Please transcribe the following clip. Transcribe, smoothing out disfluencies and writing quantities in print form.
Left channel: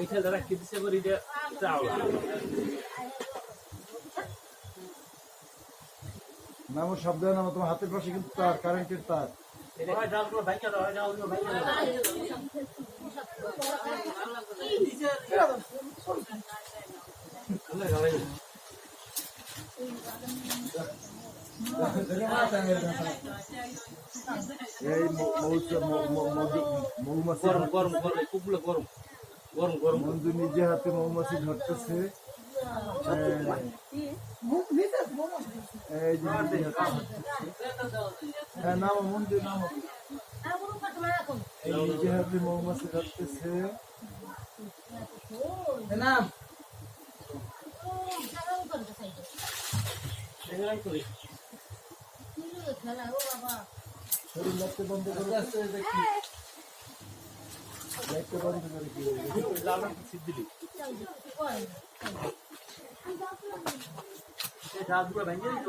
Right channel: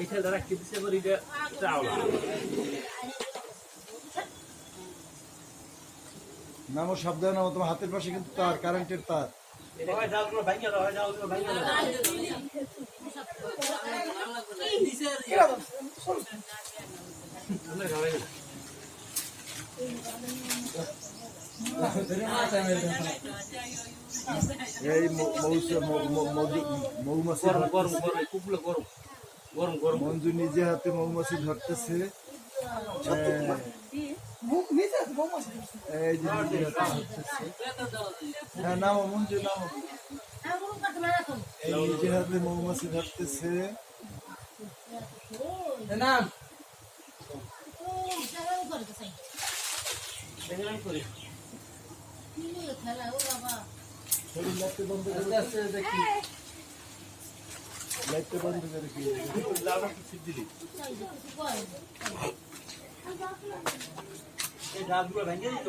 এইখানে রাখি দিছে এবার এটা চাওলা না আমার সাবধানে নাও, তোমার হাতের পাশে কিন্তু তার, কারেন্টের তার। এই মৌমাছি গরম গরম গরম কুকুলে গরম গরম গরম মঞ্জু নিজে হাতে মৌমাছি ধরতেছে। এই যে নিজে হাতে ধরতেছে। নাও মঞ্জু নাও, এই নিজে হাতে মৌমাছি ধরতেছে। করি লাইটটা বন্ধ করে কি এই রাতগুলো ভেঙে দিত